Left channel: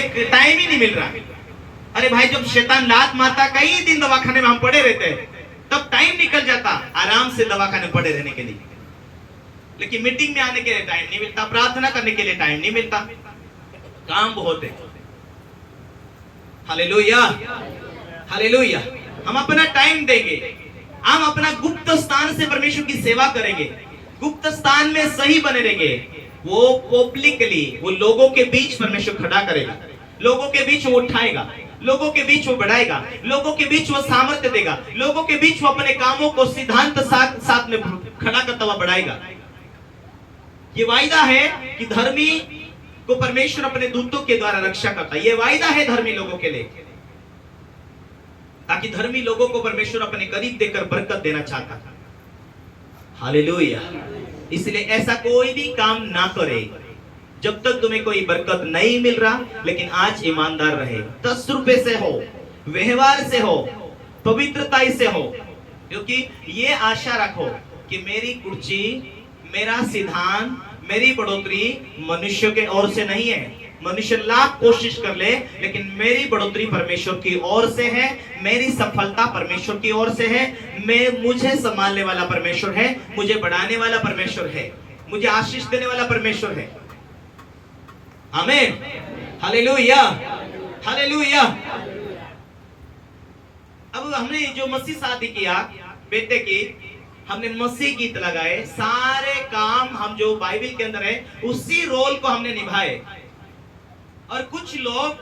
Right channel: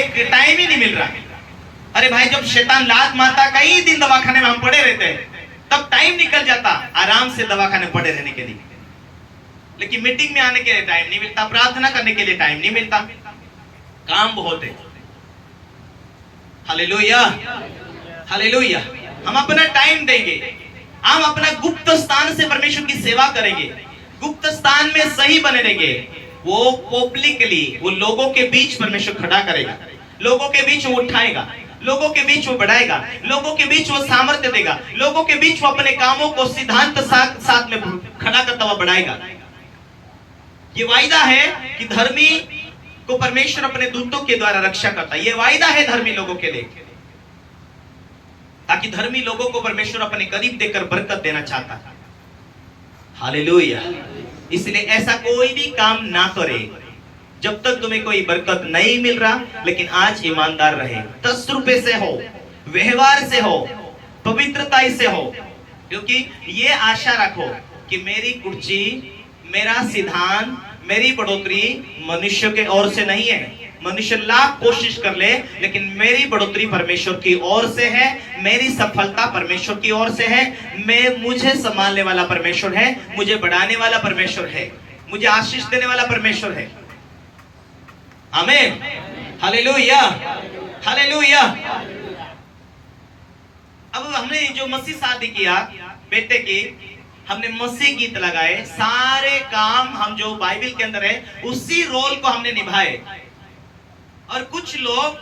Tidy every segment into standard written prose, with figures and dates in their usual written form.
Time ही नहीं मिल रहा। अरे भाई, जब शैतान लात मारता, कई दिन दवाखाने में हम पड़े रहते हैं, तब टाइम निकल जाता आराम से दवाखाने में पड़े रहने के लिए। लेकिन मीटिंग में आने के लिए टाइम नहीं मिलता, प्रार्थना करने के लिए टाइम नहीं मिलता, काम बहुत है। Hallelujah, hallelujah. हम अपना टाइम देंगे, हम अपना गुप्त स्थान से परमेश्वर की सेवा करेंगे, गुप्त स्थान में सही बने रहेंगे। वो पब्लिकली, वो लोगों के बीच परमेश्वर खड़ा करेगा, लोगों के बीच वो उठाएगा, लोगों के बीच वो बढ़ाएगा, लोगों के बीच वो सामर्थ्य देगा, लोगों के बीच वो अपने कामों को सिद्धांत साथ में खड़ा करता हुआ बढ़ाएगा। ये वायदा है कि धर्मी को परमेश्वर अपने दूतों के द्वारा रक्षा करता है। ये वायदा है धर्मी लोगों के लिए, ताकि धर्मी लोगों को परमेश्वर अपने करीब देकर बरकत देना चाहता है। हालेलुया। इसलिए ऐसा कोई भी काम ना करे जब तक तुम्हें कोई बरकत नहीं मिल रहा, लेकिन आज ईमानदार रहे, 10 रुपए से हो, व्यवहार से हो, पवित्रता से हो, क्योंकि ये आशा रखो कि मेरी कुर्सी, मेरा सिद्धांत, मेरी बढ़ोतरी मनुष्य के ओर से नहीं है। मनुष्य लाख कोशिश कर ले, लेकिन मेरी बढ़ोतरी परमेश्वर की ओर से है, मेरी सफलता परमेश्वर की ओर से है। मुझे संभालने वाला परमेश्वर है, मुझे बढ़ाने वाला परमेश्वर है, मुझे आशीष देने वाला परमेश्वर है। आमीन, हालेलुया, हालेलुया। अब हमने जो मसीह शादी किया बेटे की, हमने मसीह गीत लगाए, सारे काम हम जो बाइबल के अंदर है उसी रोल को हमने निभाए। और कुछ लोग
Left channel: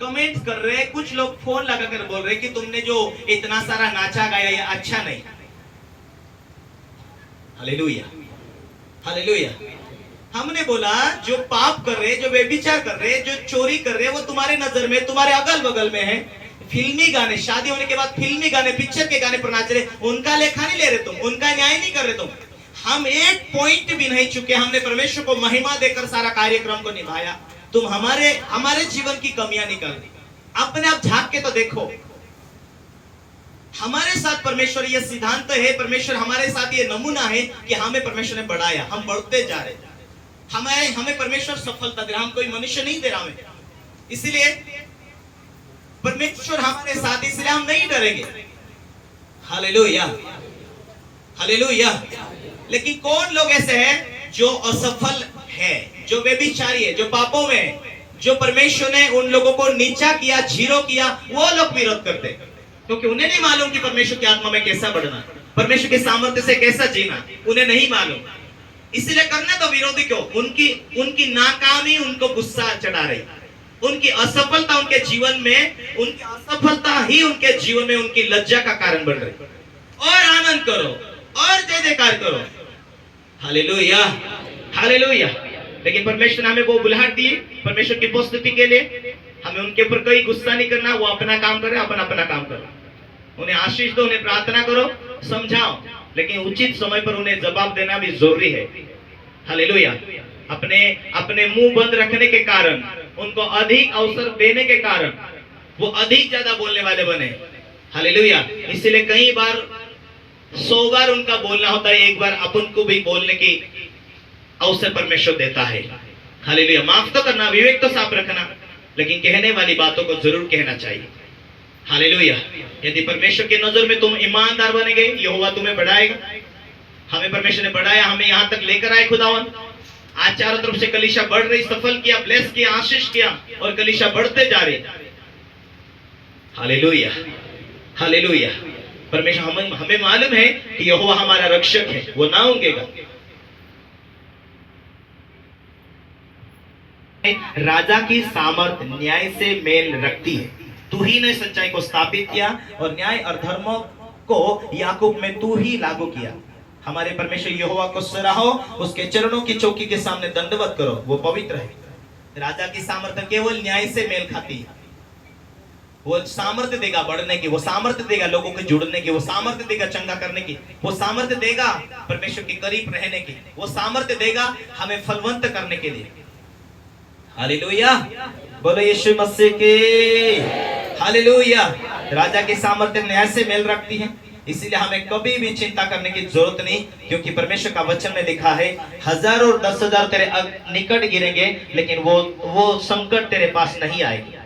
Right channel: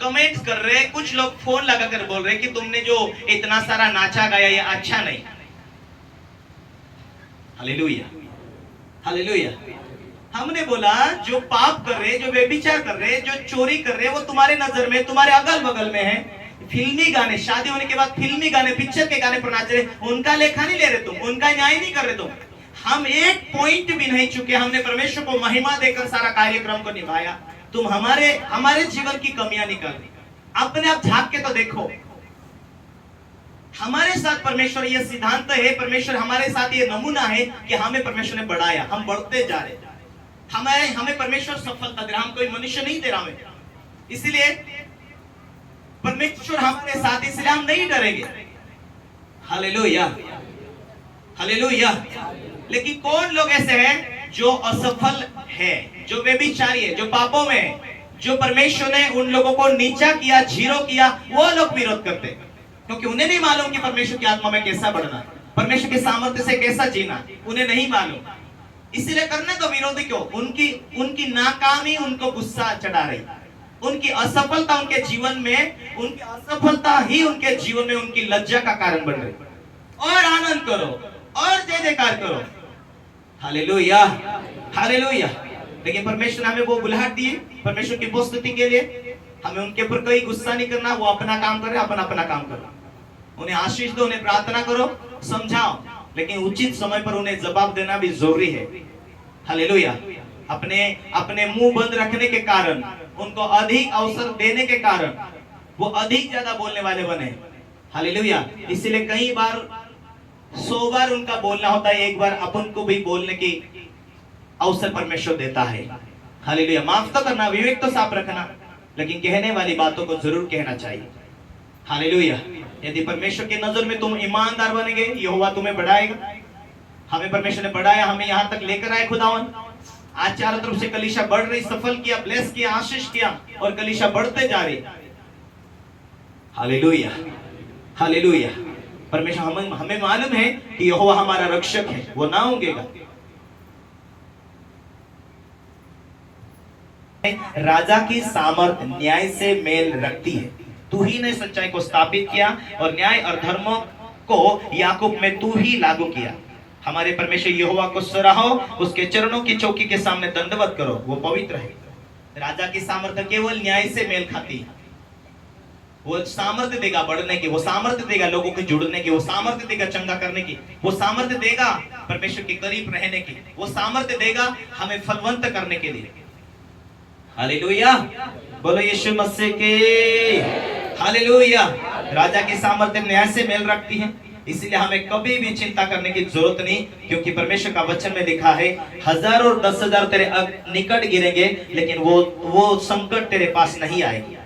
कमेंट कर रहे हैं, कुछ लोग फोन लगाकर बोल रहे हैं कि तुमने जो इतना सारा नाचा गाया ये अच्छा नहीं। Hallelujah, hallelujah. हमने बोला जो पाप कर रहे, जो व्यभिचार कर रहे, जो चोरी कर रहे, वो तुम्हारे नजर में, तुम्हारे अगल बगल में है। फिल्मी गाने, शादी होने के बाद फिल्मी गाने, पिक्चर के गाने पर नाच रहे, उनका लेखा नहीं ले रहे तुम, उनका न्याय नहीं कर रहे तुम। हम एक पॉइंट भी नहीं चुके, हमने परमेश्वर को महिमा देकर सारा कार्यक्रम को निभाया। तुम हमारे जीवन की कमियां निकाल, अपने आप झांक के तो देखो। हमारे साथ परमेश्वर ये सिद्धांत है, परमेश्वर हमारे साथ ये नमूना है कि हमें परमेश्वर ने बढ़ाया, हम बढ़ते जा रहे, हमें परमेश्वर सफलता दे रहा, हम कोई मनुष्य नहीं दे रहा हमें। इसलिए परमेश्वर हमारे साथ, इसलिए हम नहीं डरेंगे। Hallelujah, hallelujah. लेकिन कौन लोग ऐसे हैं जो असफल है, जो व्यभिचारी है, जो पापों में है, जो परमेश्वर ने उन लोगों को नीचा किया, जीरो किया, वो लोग विरोध करते, क्योंकि उन्हें नहीं मालूम कि परमेश्वर की आत्मा में कैसा बढ़ना, परमेश्वर के सामर्थ्य से कैसा जीना, उन्हें नहीं मालूम। इसलिए करना तो विरोधी क्यों, उनकी नाकामी उनको गुस्सा चढ़ा रही, उनकी असफलता उनके जीवन में, उनकी असफलता ही उनके जीवन में उनकी लज्जा का कारण बन रही। और आनंद करो और जय जयकार करो। Hallelujah, hallelujah. लेकिन परमेश्वर ने हमें वो बुलाहट दी, परमेश्वर की उपस्थिति के लिए। हमें उनके ऊपर कोई गुस्सा नहीं करना, वो अपना काम करे, अपन अपना काम करो। उन्हें आशीष दो, उन्हें प्रार्थना करो, समझाओ, लेकिन उचित समय पर उन्हें जवाब देना भी जरूरी है। हालेलुया। अपने मुंह बंद रखने के कारण, उनको अधिक अवसर देने के कारण वो अधिक ज्यादा बोलने वाले बने। हालेलुया। इसलिए कई बार 100 बार उनका बोलना होता है, एक बार अपन को भी बोलने की अवसर परमेश्वर देता है। हालेलुया। माफ तो करना, विवेक तो साफ रखना, लेकिन कहने वाली बातों को जरूर कहना चाहिए। हालेलुया। यदि परमेश्वर के नजर में तुम ईमानदार बनेंगे, यहोवा तुम्हें बढ़ाएगा। हमें परमेश्वर ने बढ़ाया, हमें यहाँ तक लेकर आए खुदावन। आज चारों तरफ से कलीसिया बढ़ रही, सफल किया, ब्लेस किया, आशीष किया, और कलीसिया बढ़ते जा रही। Hallelujah, hallelujah. परमेश्वर, हमें मालूम है कि यहोवा हमारा रक्षक है, वो ना होंगेगा। राजा की सामर्थ न्याय से मेल रखती है। तू ही ने सच्चाई को स्थापित किया और न्याय और धर्मों को याकूब में तू ही लागू किया। हमारे परमेश्वर यहोवा को सराहो, उसके चरणों की चौकी के सामने दंडवत करो, वो पवित्र है। राजा की सामर्थ्य केवल न्याय से मेल खाती है। वो सामर्थ्य देगा बढ़ने की, वो सामर्थ्य देगा लोगों के जुड़ने की, वो सामर्थ्य देगा चंगा करने की, वो सामर्थ्य देगा परमेश्वर के करीब रहने की, वो सामर्थ्य देगा हमें फलवंत करने के लिए। हालेलुया, बोलो यीशु मसीह के। हालेलुया। राजा की सामर्थ्य न्याय से मेल रखती है, इसलिए हमें कभी भी चिंता करने की जरूरत नहीं, क्योंकि परमेश्वर का वचन में लिखा है 1000 और 10,000 तेरे निकट गिरेंगे, लेकिन वो संकट तेरे पास नहीं आएगी।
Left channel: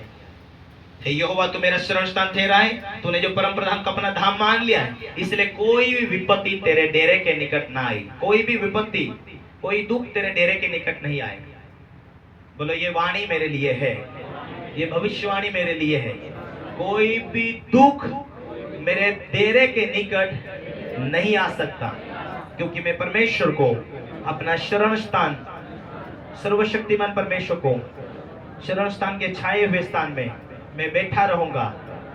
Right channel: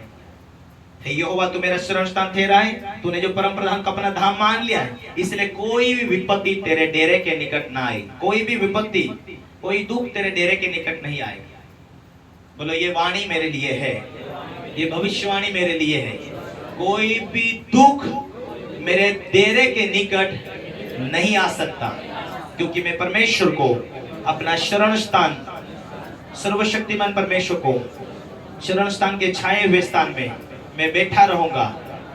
यहोवा तू मेरा शरण स्थान ठहरा है, तूने जो परम प्रधान का अपना धाम मान लिया है, इसलिए कोई भी विपत्ति तेरे डेरे के निकट ना आए, कोई भी विपत्ति, कोई दुख तेरे डेरे के निकट नहीं आए। बोलो ये वाणी मेरे लिए है, ये भविष्यवाणी मेरे लिए है। कोई भी दुख मेरे डेरे के निकट नहीं आ सकता, क्योंकि मैं परमेश्वर को अपना शरण स्थान, सर्वशक्तिमान परमेश्वर को शरण स्थान के छाए हुए स्थान में मैं बैठा रहूंगा,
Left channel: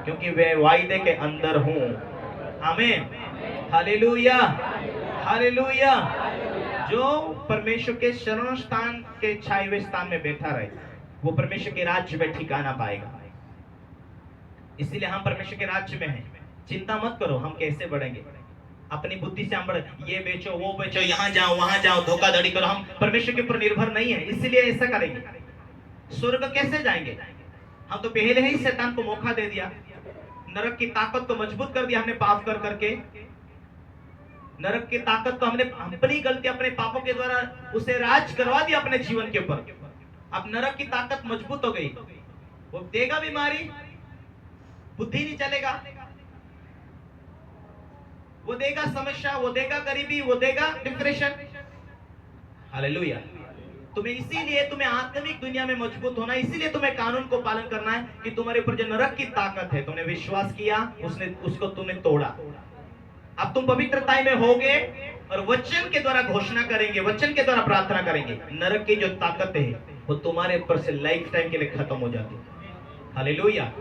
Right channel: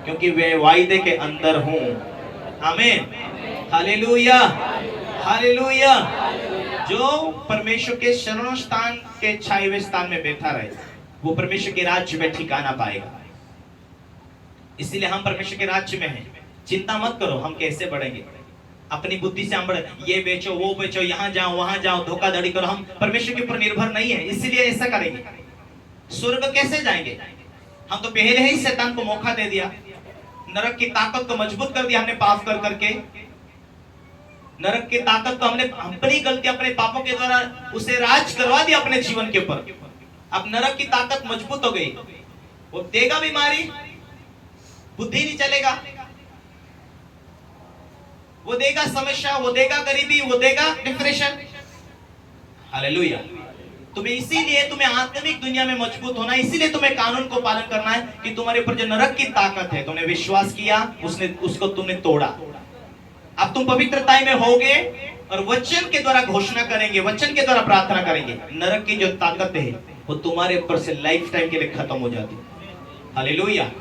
क्योंकि वे वायदे के अंदर हूं। आमीन, हालेलुया, हालेलुया। जो परमेश्वर के शरण स्थान के छाए हुए स्थान में बैठा रहे, वो परमेश्वर के राज्य में ठिकाना पाएगा। इसलिए हम परमेश्वर के राज्य में हैं। चिंता मत करो हम कैसे बढ़ेंगे, अपनी बुद्धि से हम बढ़े, ये बेचो वो बेचो, यहां जाओ वहां जाओ, धोखाधड़ी करो, हम परमेश्वर के ऊपर निर्भर नहीं है, इसलिए ऐसा करेंगे। स्वर्ग कैसे जाएंगे? हम तो पहले ही शैतान को मौका दे दिया, नरक की ताकत को मजबूत कर दिया हमने पाप कर करके। नरक की ताकत को हमने अपनी गलती, अपने पापों के द्वारा उसे राज करवा दिया अपने जीवन के ऊपर। अब नरक की ताकत मजबूत हो गई, वो देगा बीमारी, बुद्धि नहीं चलेगा, वो देगा समस्या, वो देगा गरीबी, वो देगा डिप्रेशन। हालेलुया। तुम्हें इसीलिए तुम्हें आत्मिक दुनिया में मजबूत होना, इसीलिए तुम्हें कानून को पालन करना है कि तुम्हारे ऊपर जो नरक की ताकत है, तुमने विश्वास किया, उसको तुमने तोड़ा। अब तुम पवित्रता में होगे और वचन के द्वारा घोषणा करेंगे, वचन के द्वारा प्रार्थना करेंगे, नरक की जो ताकत है वो तुम्हारे ऊपर से लाइफ टाइम के लिए खत्म हो जाती है। हालेलुया।